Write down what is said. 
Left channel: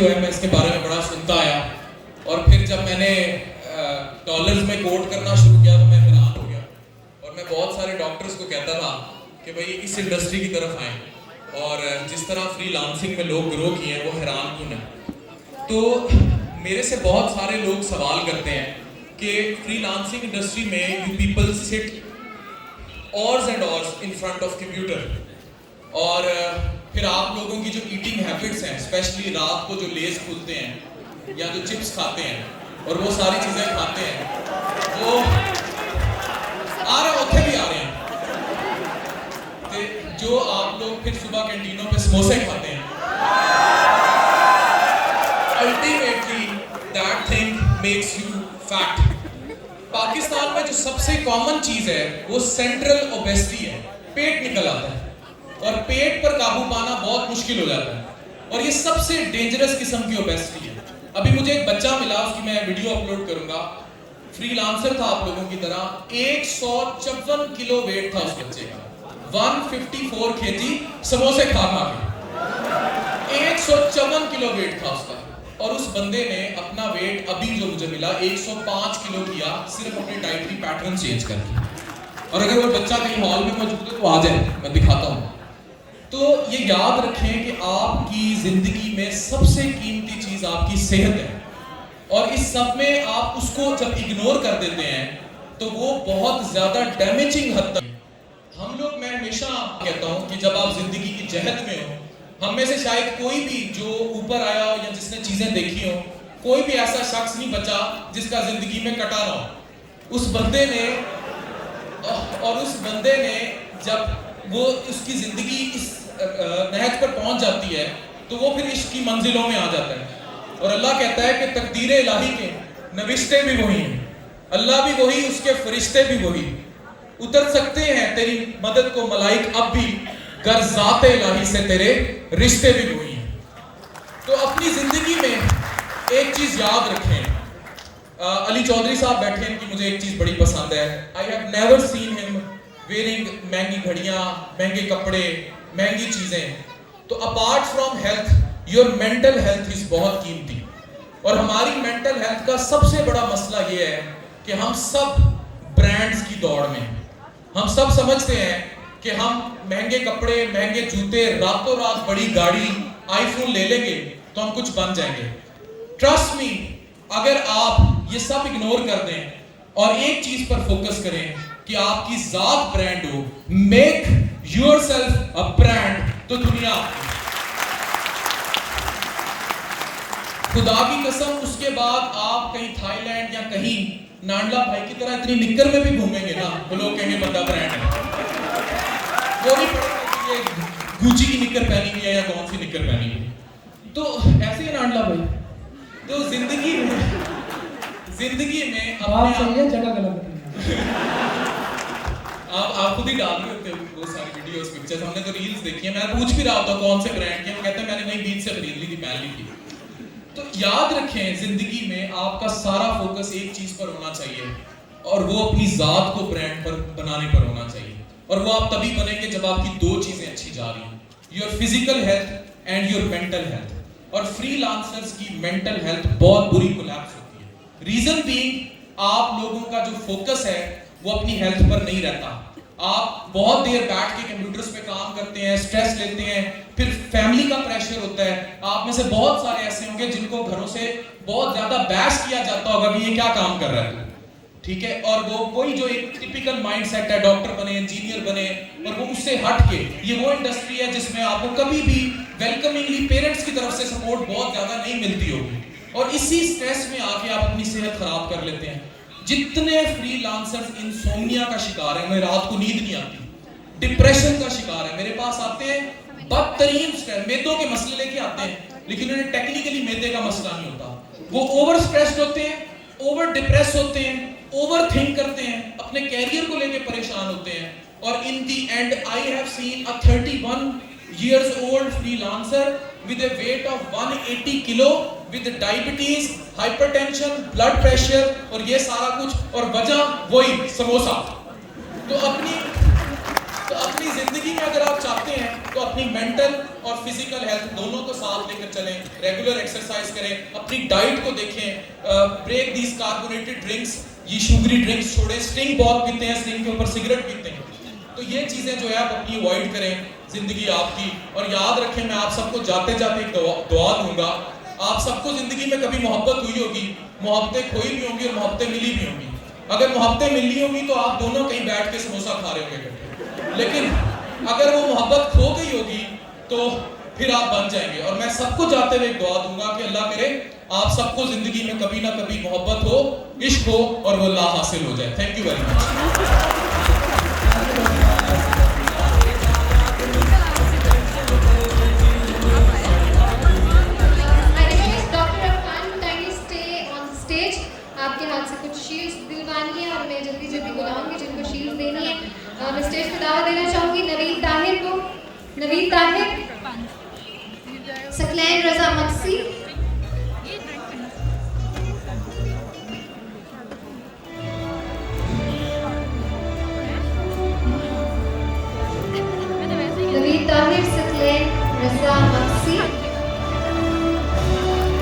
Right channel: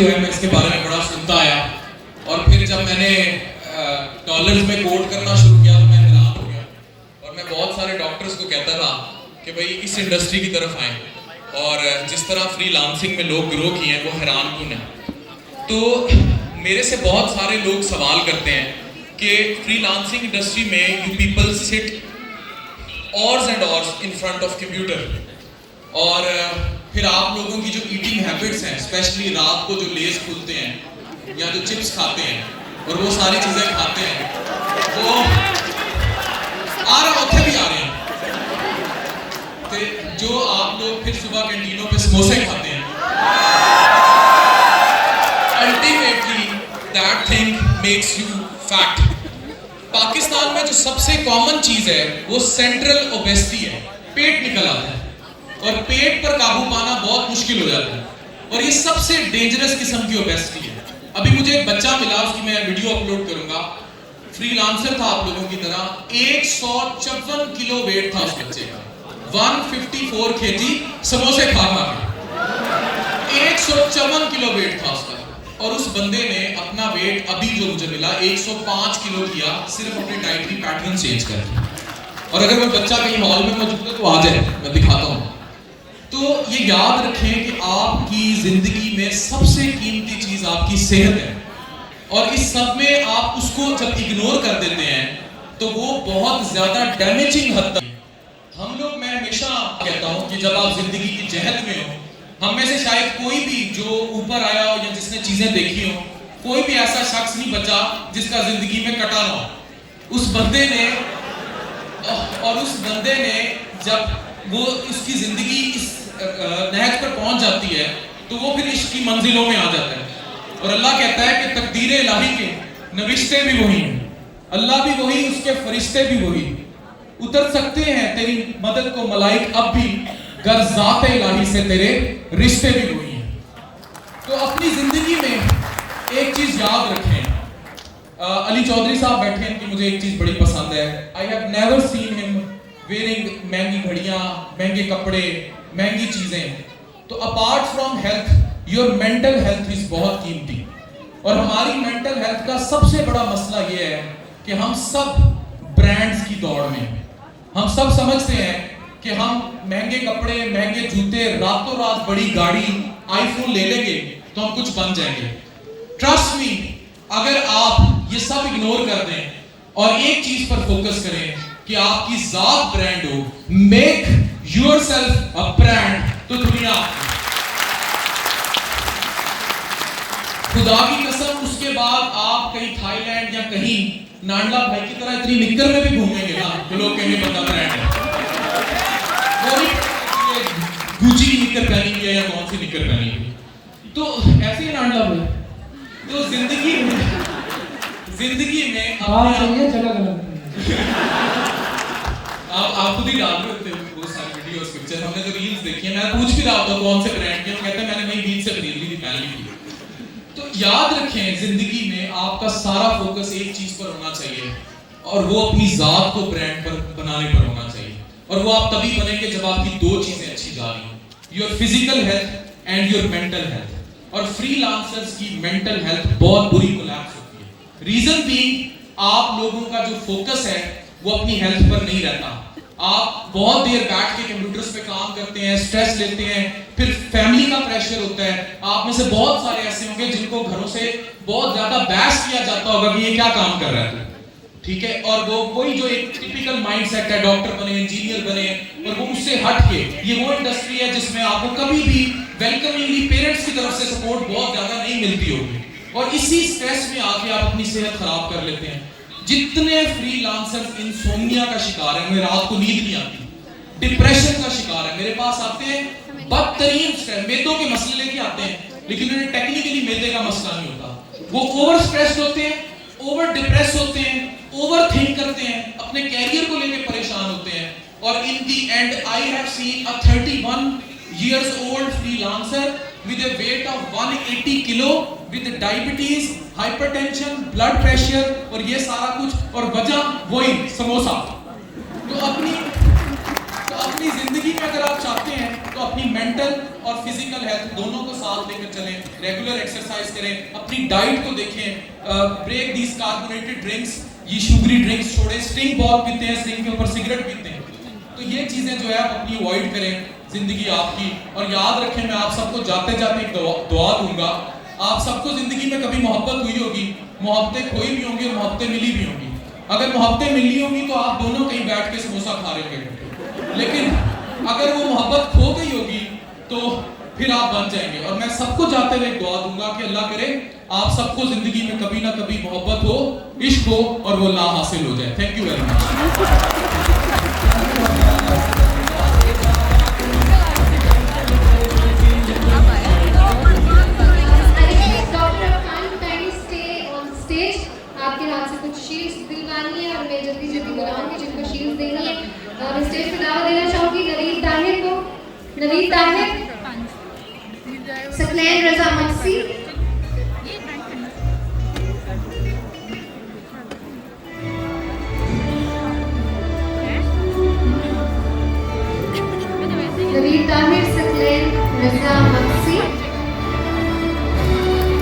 जो है मैं इसके बारे में बड़ा सुनता आया, और फिर जब मैंने डॉलर्स में कोट करना शुरू किया तो मैं हैरान हो गया। और मैं बहुत सारे डॉक्टर्स को कहता था कि भाई इस इंडस्ट्री की तरफ आएँ, और जिस तरह फ्रीलांसिंग में लोग ग्रो किए हैं वो हैरान कुन है। तो मेरे से बहुत सारे लोग सवाल करते हैं कि फ्रीलांसिंग इंडस्ट्री में you people sit hours and hours in front of computer, और फिर आप लोगों की जो ईटिंग हैबिट्स हैं, स्पेशली रात को जो लेज खुलते हैं या जो चिप्स खाते हैं और वो सारी चीज़ें खाते हैं, वो आ रहे होते भी आ रहे हैं। तो जो आप लोग फिर सुबह कैंटीनों पे समोसे खाते हैं, ultimately that thing makes you fat. Pakistan में जो सबसे कॉमन चीज है वो सेंट्रल ओबेसिटी है, पेट निकल आता है, और पेट पर काबू पाना बहुत मुश्किल हो जाता है, और ये सबसे डेंजरस किस्म की ओबेसिटी है। अभी मुझे एक बच्चा मिला, उसकी मैं वीडियो अपलोड करूंगा, फ्रीलांसर था आप लोगों की तरह, 154 किलो वेट था उस बच्चे का, 154 kg समोसे खा खा के 154 किलो वेट था उसका। और उस बंदे ने अपना वेट अभी जो मुझे मिला 105 किलो किया, सिर्फ अपने डाइटरी पैटर्न चेंज करके। और अगर वो बच्चा कहीं हॉल में मौजूद है तो आ जाए, मैं दिखाता हूँ। तो ये याद रखें कि आपकी जिंदगी में सबसे कीमती चीज आपकी सेहत है, और इस सब में आप उसको जब इग्नोर कर देते हैं तो वो बहुत ज्यादा डैमेजिंग हद तक। हम लोग, मैं हमेशा कहता हूँ कि जब आप जिंदगी की जहद में हो, हम में से शायद कोई भी जो ऊपर आया हो या जिसने चीजें देखी हो, कोई भी ऐसा शख्स नहीं बचा जिसका जिंदगी में कटा ना हो। उस बंदे ने जब वो उसकी जिंदगी इस नहज पर पहुंच जाती है तो वो फिर इश्क की मंजिलों में आ जाता है। और अल्लाह कहता है कि तकदीर इलाही के नविश्ते भी वही हैं, अल्लाह भी वही, उसके फरिश्ते भी वही, उतर सकते हैं तेरी मदद को मलाइक अब भी, गर ज़ात इलाही से तेरे रिश्ते भी वही हैं। तो अपनी जिंदगी में एक चीज याद रखें। अली चौधरी साहब बैठे हैं, कि मुझे एक चीज बड़ी पसंद है, I have never seen him wearing महंगी घड़ियां, महंगे कपड़े, महंगी चीजें। तो apart from health, your mental health is बहुत कीमती। और हमारी मेंटल हेल्थ का सबसे बड़ा मसला ये है कि हम सब ब्रांड्स की दौड़ में हैं। हम सब समझते हैं कि हम महंगे कपड़े, महंगे जूते, रातों रात बड़ी गाड़ी, आईफोन ले लेंगे तो हम कुछ बन जाएंगे। ट्रस्ट मी, अगर आप ये सब इग्नोर कर दें और एक चीज पर फोकस करें कि आपकी जात ब्रांड हो, मेक योरसेल्फ अ ब्रांड, तो दुनिया खुदा की कसम, उसके बाद आप कहीं थाईलैंड या कहीं नांडला भाई की तरह इतनी निक्कर में भी घूमेंगे ना, तो लोग कहेंगे बंदा ब्रांड है। वो नहीं गुची की निक्कर पहनी हुई है या कौन सी निक्कर पहनी हुई, तो ऐसे ही नांडला भाई। तो जिंदगी में आप खुद ही डाल सकते हो वो सारी वीडियोस, पिक्चर। हमने तो रील्स देखी है, मैं पूछ भी रहा था कौन से ब्रांड के, वो कहते हैं मैंने वही रील से खरीद ली थी, पहन ली थी। तो याद रखें, जिंदगी में आपका सारा फोकस एक चीज पर होना चाहिए, और वो अपनी जात को ब्रांड पर बनाने पर होना चाहिए। और वो आप तभी बनेंगे जब आपकी दो चीजें अच्छी जा रही हैं, your physical health and your mental health. और फ्रीलांसर्स की मेंटल हेल्थ बहुत बुरी कोलैप्स होती है। रीजन भी, आप लोगों का जो फोकस है वो अपनी हेल्थ पर नहीं रहता। आप बहुत देर बैठ के कंप्यूटर्स पे काम करते हैं, स्ट्रेस लेते हैं, फिर फैमिली का प्रेशर होता है। आप में से बहुत सारे ऐसे होंगे जिनको घरों से बहुत ज्यादा बहस किया जाता होगा कि ये क्या काम कर रहा है, ठीक है। और वो कोई जो एक टिपिकल माइंडसेट है, डॉक्टर बने, इंजीनियर बने, और वो उससे हट के ये वो इंडस्ट्री है जिसमें आपको कभी भी वेलकमिंगली पेरेंट्स की तरफ से सपोर्ट बहुत ज्यादा नहीं मिलती होगी, और इसी स्ट्रेस में आके आप अपनी सेहत खराब कर लेते हैं। जितने फ्रीलांसर्स इंसोम्निया का शिकार है, मुझे रात को नींद नहीं आती, डिप्रेशन का शिकार है, मेरे पास आते हैं बदतरीन मैदों के मसले लेके आते हैं, लेकिन उन्हें टेक्निकली मैदे का मसला नहीं होता। वो ओवर स्ट्रेस्ड होते हैं, ओवर डिप्रेस होते हैं, ओवर थिंक करते हैं, अपने कैरियर को लेके परेशान होते हैं, और in the end I have seen a 31 years old freelancer with a weight of 180 kilo with diabetes, hypertension, blood pressure, और ये सारा कुछ, और वजह वही समोसा। तो अपनी अपनी जिंदगी में अगर आप चाहते हैं तो अपनी मेंटल और फिजिकल हेल्थ दोनों को साथ लेकर चलें, रेगुलर एक्सरसाइज करें, अपनी डाइट को देखें, ब्रेक दीज कार्बोनेटेड ड्रिंक्स, ये शुगरी ड्रिंक्स छोड़ें, स्टिंग बहुत पीते हैं, स्टिंग के ऊपर सिगरेट पीते हैं, तो ये चीजें जो है आप अपनी अवॉइड करें, जिंदगी आपकी। और याद रखें, मैं आप सबको जाते जाते एक दुआ दूंगा, आप सबको जिंदगी में कभी मोहब्बत हुई होगी, मोहब्बतें खोई भी होंगी और मोहब्बतें मिली भी होंगी। अगर मोहब्बतें मिली होंगी तो आप दोनों कहीं बैठ के समोसा खा रहे होंगे, लेकिन अगर वो मोहब्बत खो गई होगी तो फिर आप बन जाएंगे। और मैं सबको जाते हुए एक दुआ दूंगा कि अल्लाह करे आप सबको जिंदगी में कभी ना कभी मोहब्बत हो, इश्क हो और वो ला हासिल हो जाए। Thank you very much. आपके हाथ से कुछ शील्ड्स दिलवानी है और मैं जल्दी जल्दी बुलाऊंगी जिनको शील्ड्स देनी है। और स्टेज पे दावा देना चाहूंगी नवीद ताहिर को। नवीद ताहिर, सकलैन रजा मक्सी, नवीद ताहिर, सकलैन रजा